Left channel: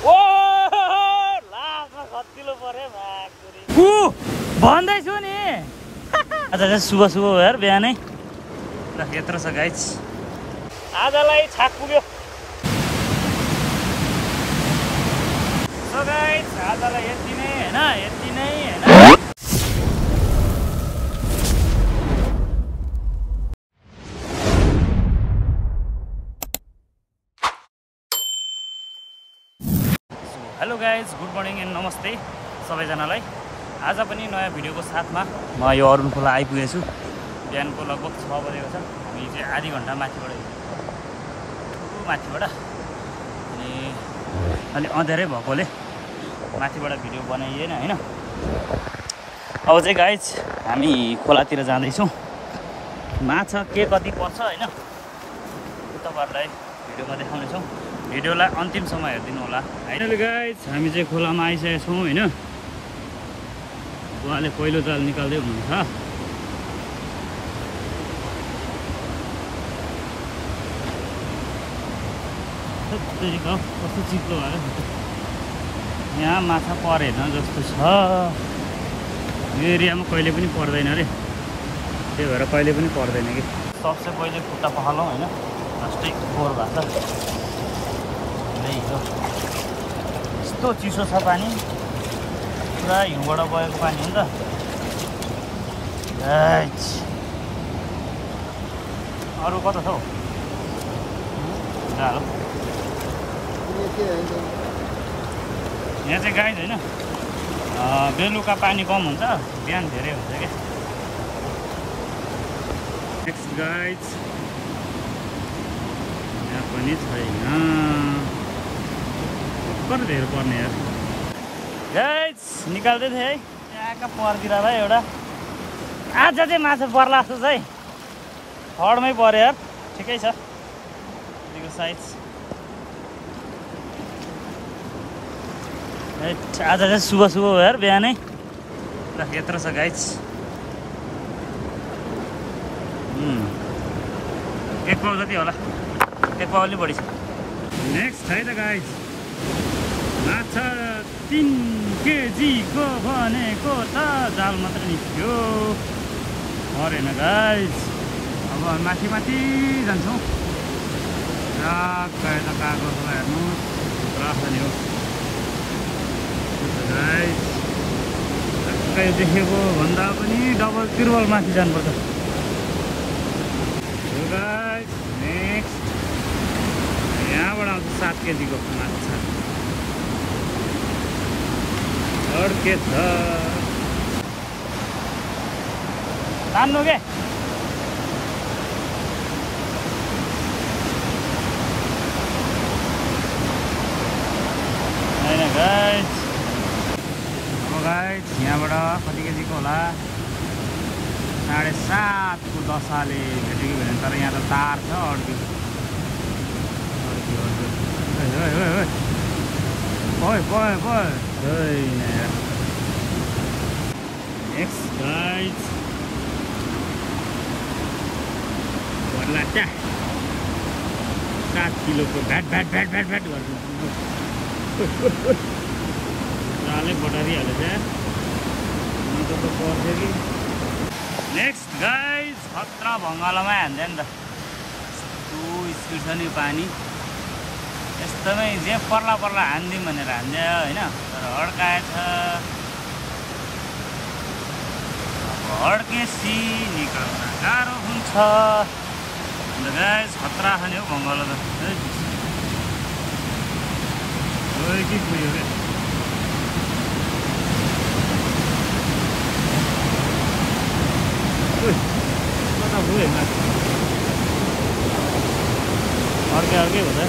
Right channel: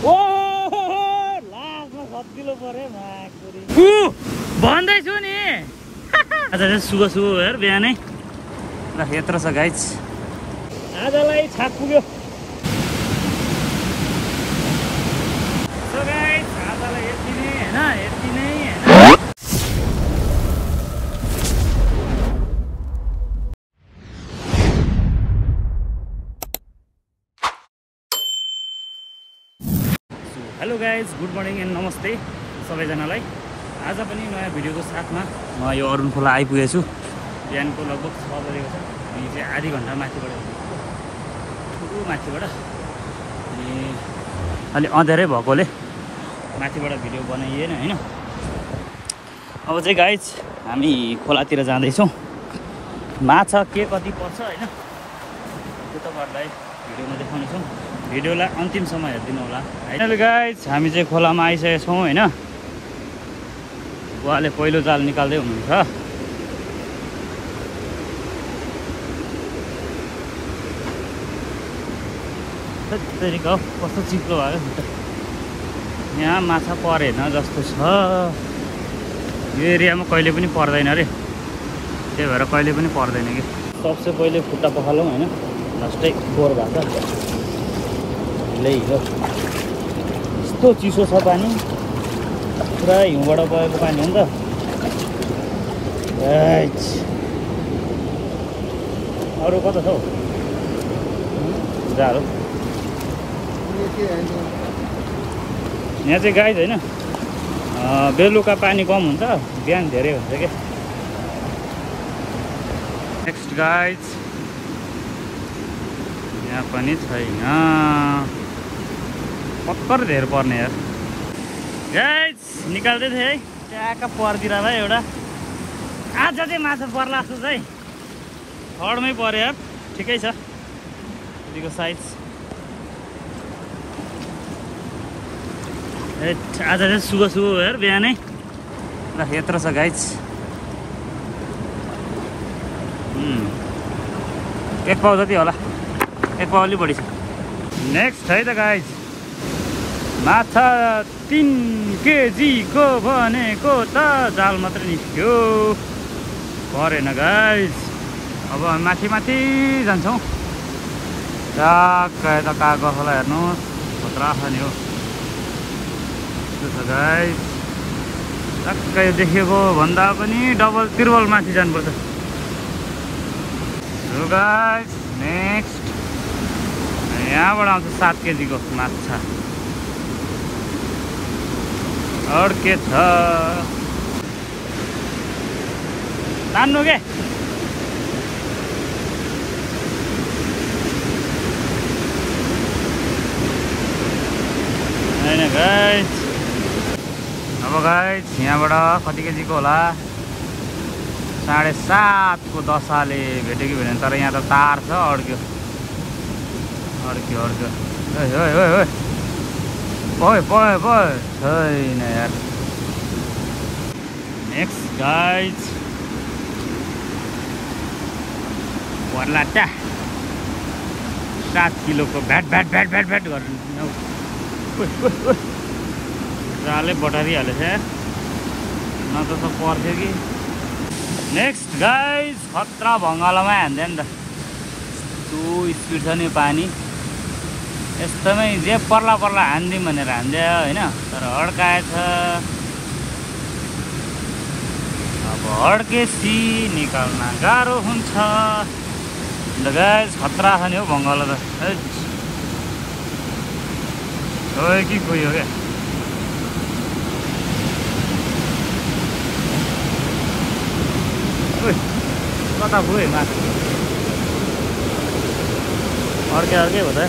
ओ लास्टमा सजिलो पर्यो माकुरी भन्दैछु नि आज चाहिँ शुभ शुभ भयो यार बिहानै ल यत्रो छ गाइज आजलाई छाक पुग्यो गाइज आजलाई यति नै होइन यति नै होइन hello guys good morning and नमस्ते सबैजनालाई आज पनि नयाँ भिडियोको साथमा म यो अरुण खोला आइपुगेको छु बिहानको लगभग 6 बजेको छ हामी चाहिँ आधी घन्टा माथिबाट हिँडेको माथिबाट अनि अलि अँध्यारै भएकोले माथिबाट भिडियो बनाइएन होइन अब चाहिँ गाइज हामी खोलातिर जाँदैछौँ माछा के कति पर्छ होइन त्यो तपाईँहरूलाई भिडियोमा देखाउनेछौँ भिडियोलाई अन्तिमसम्म हेरिदिनु होला होइन गाइज हामी चाहिँ खोलामा आइसकेका छौँ होइन उहाँले पहिलो जाल निकाल्दै हुनुहुन्छ कस्तो चिप्लो भएको यहाँ माछा परेन जस्तो छ यो एरियामा कहिले पनि पर्दैन अरे त्यही भएर कहिले पनि पर्दैन कि सबसे पहिले खुट्टा पखालौँ होइन लास्टै फोहोर भएको हो यस्तो चिसो छ पानी पुरा हिउँबाट बगेको पानी हो नि त अरू कता छ हौ गाह्रो यहाँ चाहिँ गाइज होइन बेलुका पानी कम हुन्छ बिहान धेरै हुन्छ क्या नेक्स्ट गाइज यहाँ पनि छैन पक्कर धेर पर्ने यार गाइज निकाल्दै थिएँ है त्यहाँका परतिर भाइ एउटा आज चाहिँ माछा पर्ला जस्तो छ है थर्डमै पऱ्यो यार ठिकै छ यतिको साइज आज चाहिँ शुभ शुभ भयो यार बिहानै ल यत्रो छ गाइज एक पाउ जति होला एक पाउ अलि बढी छ नेक्स्ट है त गाइज माछा 3 केजीको भनेको त जाल मात्रै निस्क्यो परेन गाइज अब माथि माथि जान्छौँ टक्क यता कागजलाई हेर्नुहोस् खतरा छ नि हो गाइज टक्कै देखेको भन्दा पनि डबल त्रिबल माथि जानुपर्छ गाइज नेक्स्ट यहाँबाट आउँछ 7 केजीको माछा अड्के छ तान्नु के होइन गाइज अब गाइज यहाँबाट कति केजीको होला 7.5 को दशाले भेट्यो कि भेटेन तर यहाँ त तार छ अड्क्यो अड्क्यो अड्क्यो ओइ भयो छैन यार नेक्स्ट गाइज वर्लाटा 7 किलोको VAT VAT VAT VAT VAT गर्नु जालै बटारिहालेछ न त पर्थ्यो कि नेक्स्ट गाइज खतरा भङ्गालोमा हान्थ्यो नि त यस्तो स्पिड छ नि पानी यस्तोमै जे पर्ला पर्ला हान्दिउँ भनेर हान्दियो होइन तर अड्काएछ अब अड्केसी निकाल्न गाह्रो हुन्छ अन्त गाइज खतरा छ नि हौ भङ्गालो त है कि गयो क्या कता गयो माथि अर्कै अर्कै हो त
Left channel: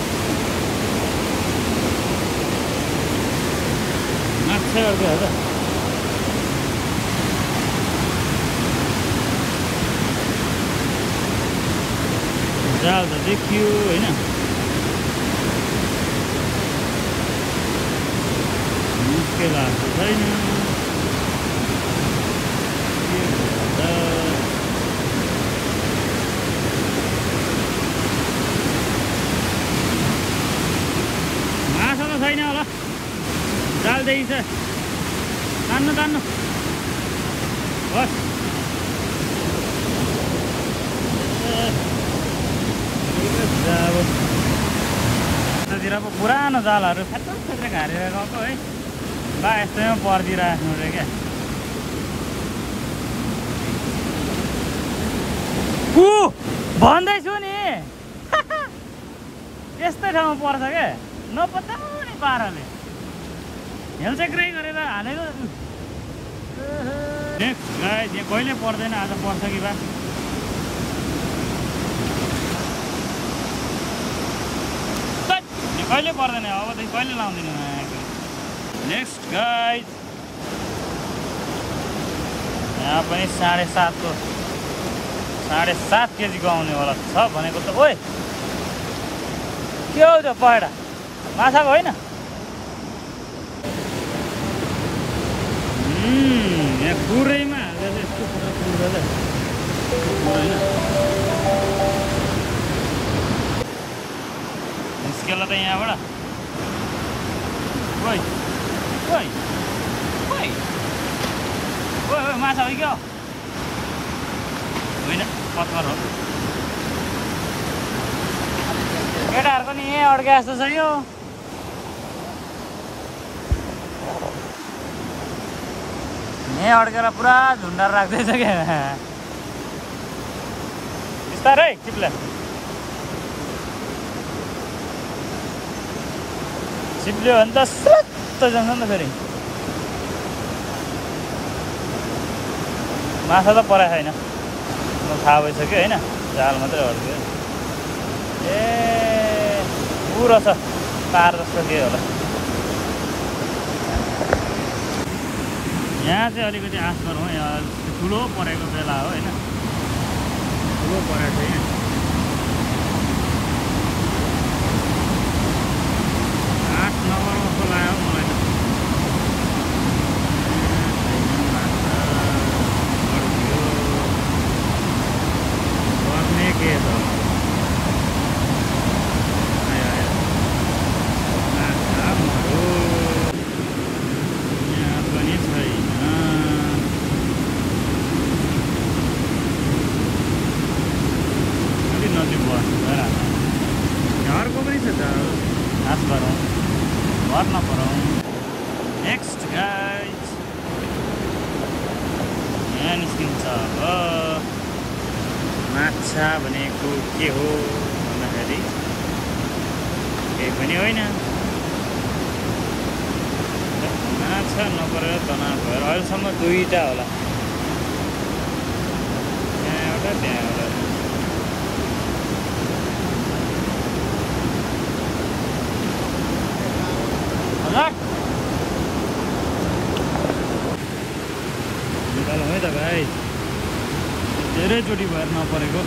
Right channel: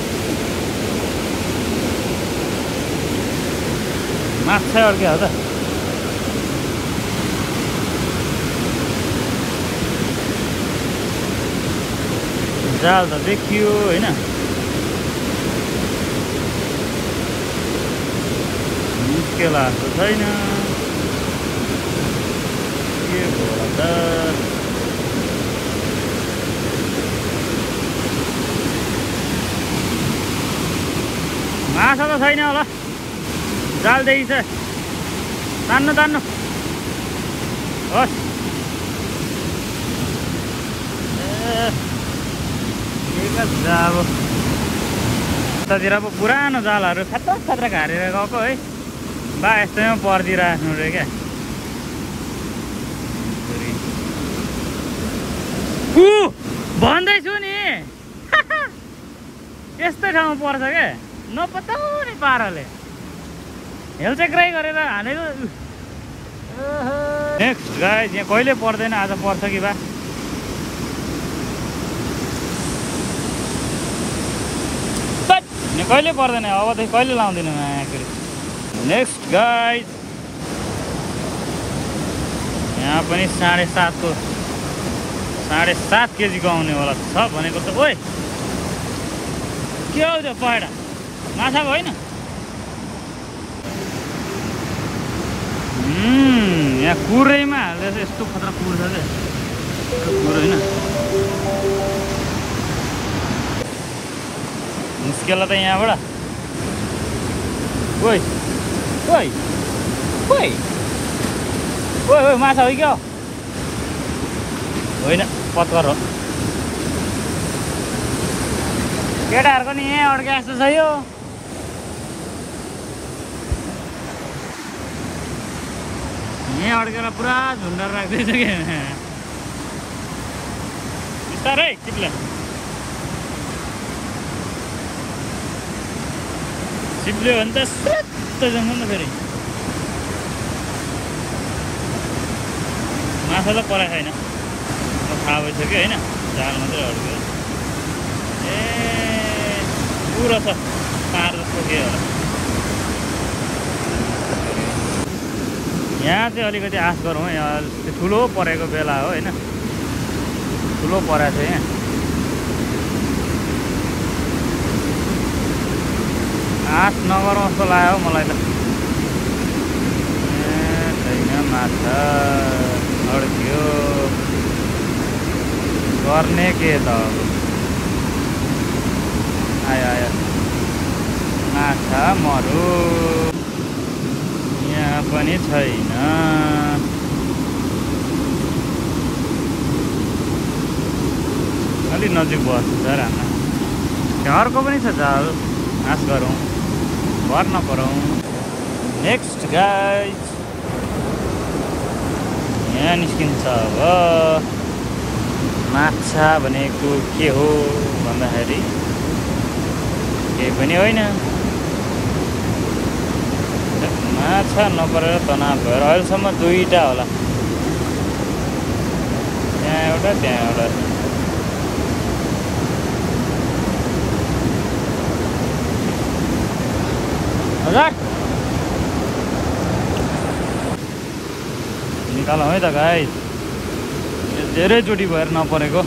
माछा अर्कै हो त जाल त देखियो होइन निस्केला जस्तो छैन के भयो त माछा त छैन होला जाल देखिन्छ तान्नु तान्नु होस् अब यतातिर अब पुरानो जालहरू खतरा हारेर गएको है बा यस्तैमा पर्दिराख्नु रे क्या भन्दैछु नि यस्तै ठाउँमा पर्छ क्या नपत्याउने पाराले हेलचेक्राइ गरेर हालेको नेक्स्ट गाइस यहाँ कहिले पर्दैन आज पर्छ कि बा यहाँ कहिले पर्दैन अबदेखि कहिले लाउँदैन नेक्स्ट गाइस यहाँ पनि 7.5 केजीको आउने होला छ भनेको त ओइ के हो त्यो पहेडा माछाको होइन यहाँ कुरैमा हाल्दैछ यस्तो खतरा कुर्छ क्या कुर होइन निस्केला त यहाँबाट ओइ ओइ ओइ ओइ ओइ माछा हो क्या होइन पत्कर हो केटाहरूको नि यहाँ अड्के जस्तो छ यो यहाँ अड्केर पुरा झुन्डाएर राख्दैछ क्या बिस्तारै चिप्ले चिप्ल्यो भने त सुत्त जान्छ नि त फेरि माछा त पराएको छैन थाहा भइसक्यो होइन जाल मात्रै अड्क्यो ए पुरो छ तार जस्तो के होला यहाँ चाहिँ अलिकति आश गरौँ है यहाँ ठुलो परेको बेला हो होइन ठुलो परेको छ यहाँ आश नगरौँ जस्तो लाग्यो मलाई त छैन माछा अड्क्यो गर्ने के त आयो आयो माछा मरु यहाँ पनि छैन अलि नजिक बस्छ रामा घरको पनि छ जाल आश गरौँ घर नपरौँ नेक्स्ट गाइस यहाँ निस्किन्छ अब माछा भनेको के हो भन्दाखेरि केही पनि होइन माछा नपरेर तनाव भएर अहिलेसम्म 2टा होला त्यहाँ एउटा त्यहाँ एउटा हजार निकालौँ है त गाइस धेरैचोटि भएर नपरेको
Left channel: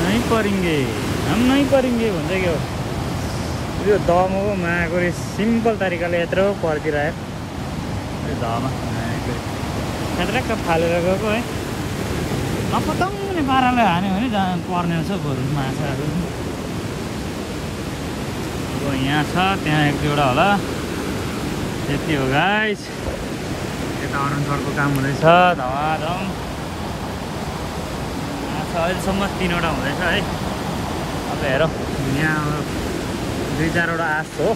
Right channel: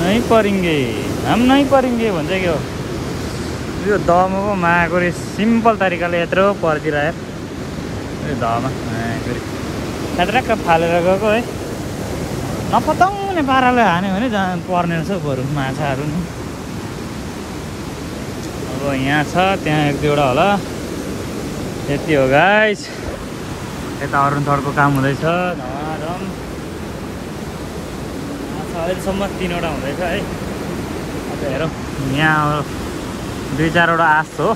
नहीं परेंगे हम नहीं परेंगे भन्छ के हो यो दमको मागरी सिम्पल तरिकाले यत्रो पर्दिरह्यो यो धमा मागरी यत्रक्क फालेर गएको है नपताउने पाराले हान्यो भने जहाँ पर्ने रहेछ बरु माछाहरू नि अब यहाँ छ त्यहाँ 1-2वटा होला त्यति हो गाइस यता अरुणथडको काम हुँदैछ धमाधम अहिलेसम्म 3वटा हुँदैछ है अब हेरौँ यहाँ 2-4वटा आश हो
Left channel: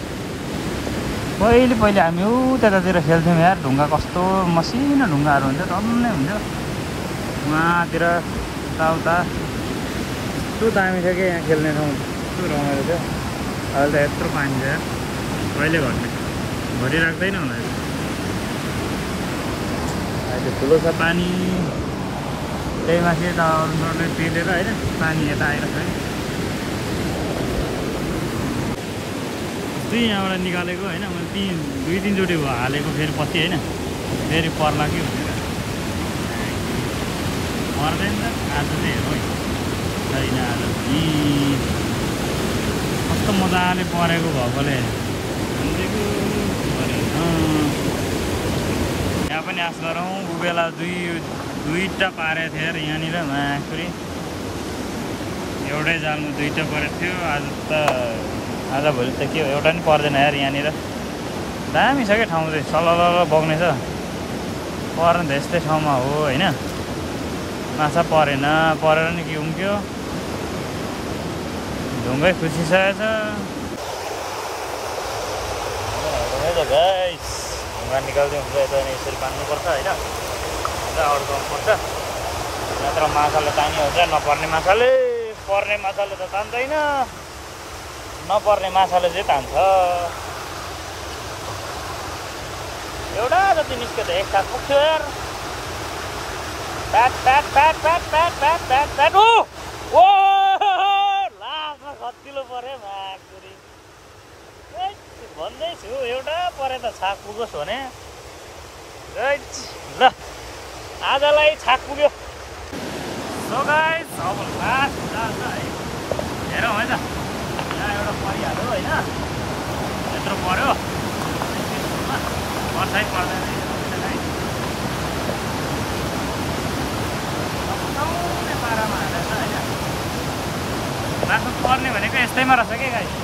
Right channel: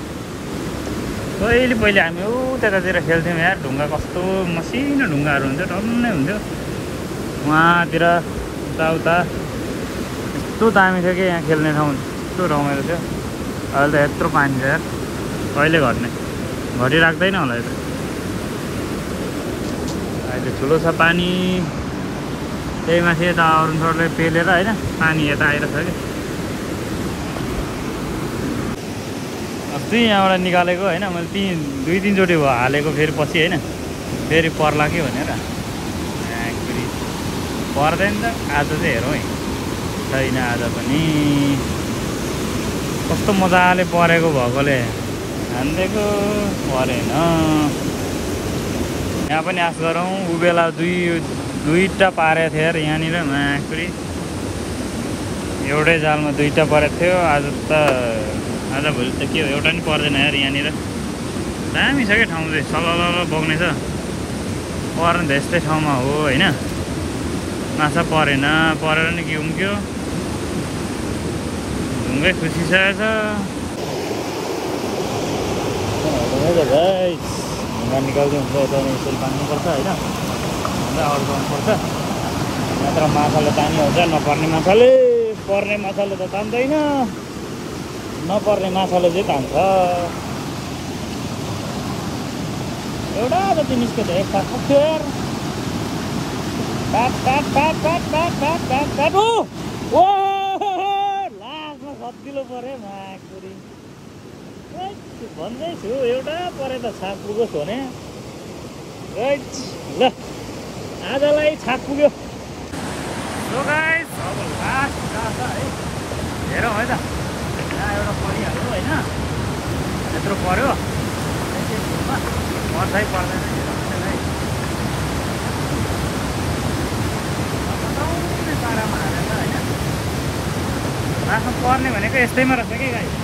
पहिले हामी त्यतातिर खेल्थ्यौँ यार ढुङ्गा कस्तो मसिनो ढुङ्गाहरू हुन्थ्यो टन्नै हुन्थ्यो वहाँतिर उता यस्तो दामी छ कि यहाँ खेल्ने ठाउँ यस्तो रमाइलो थियो अहिले त यत्रो पानी छ यार कहिले घट्ने घटिराख्दैन होला यो ठुलो छ पानी त्यही माथि यता अरुणथडले पेलेर होइन पानी यता आइरहेछ कि अस्ति यहाँबाट निकालेको होइन मैले 2-3चोटि भयो हालेको फेरि पछि होइन फेरि पर्ला कि भनेर पर्दैन त आज चाहिँ हेरौँ है छैन आज पनि कस्तो मजाले परेको भएकोले हानिदिएको परेन यहाँ पनि आश गरौँ उ बेला दुईटा पारेको थियो यार यहाँनिर माकुरी एउटै जालमा दुईटा परेको थियो आज भोलि त के हो एउटा नि पर्दैन यार यहाँनिर दामी छ क्या ठाउँ चाहिँ सलल बग्ने छ पर्ने त यस्तै ठाउँमा हो होइन माछा परेन परेर नि के उम्क्यो ढुङ्गै खुसिसकेको छ गाइस ढुङ्गा निकाल्दै हुन्छ यता यसरी बान्नुपर्छ होइन ढुङ्गा अड्काउनुपर्छ नत्र माछाले तानी हुन्छ नपर्ने माछाले पर्ने माछाले त तान्दैन नपर्ने माछाले चाहिँ तान्छ एउटा जति निस्क्यो त एकसाथ पुग्थ्यो यार प्याट ओ लास्टमा खतिलो पऱ्यो माकुरी भन्दैछु एउटा परे त छाक पुगोस् भने ल आजलाई छाक पुग्यो सो गाइस अब लास्ट जान्छ है हेरौँ है त यहाँ एउटा परिहाल्यो होइन यत्रो पर्यो छेउमा पर्छै पर्दैन हेरौँ है पताउने पारामा हालेर होइन लास्टमा पर्ने भनेको यस्तैमा रहेछ क्या गाइस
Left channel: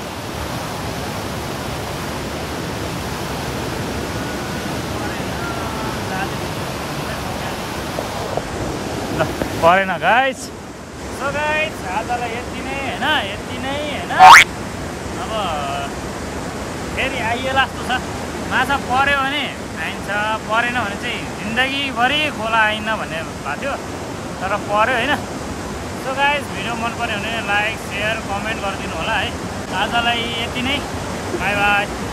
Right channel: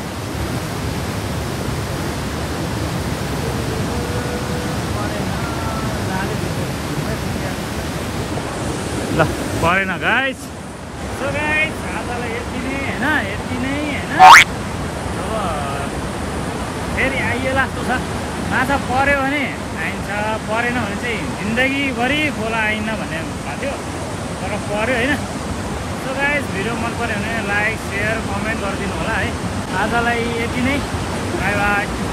ल परेन गाइस सो गाइस आजलाई यति नै होइन अब फेरि आइए लास्तो छ माछा पर्यो भने आइन्छ परेन भने चाहिँ जिन्दगीभरि खोला आइन भन्ने भएको थियो तर पर्यो होइन सो गाइस भिडियो मन पर्यो भने लाइक सेयर कमेन्ट गरिदिनु होला है आजलाई यति नै बाई बाई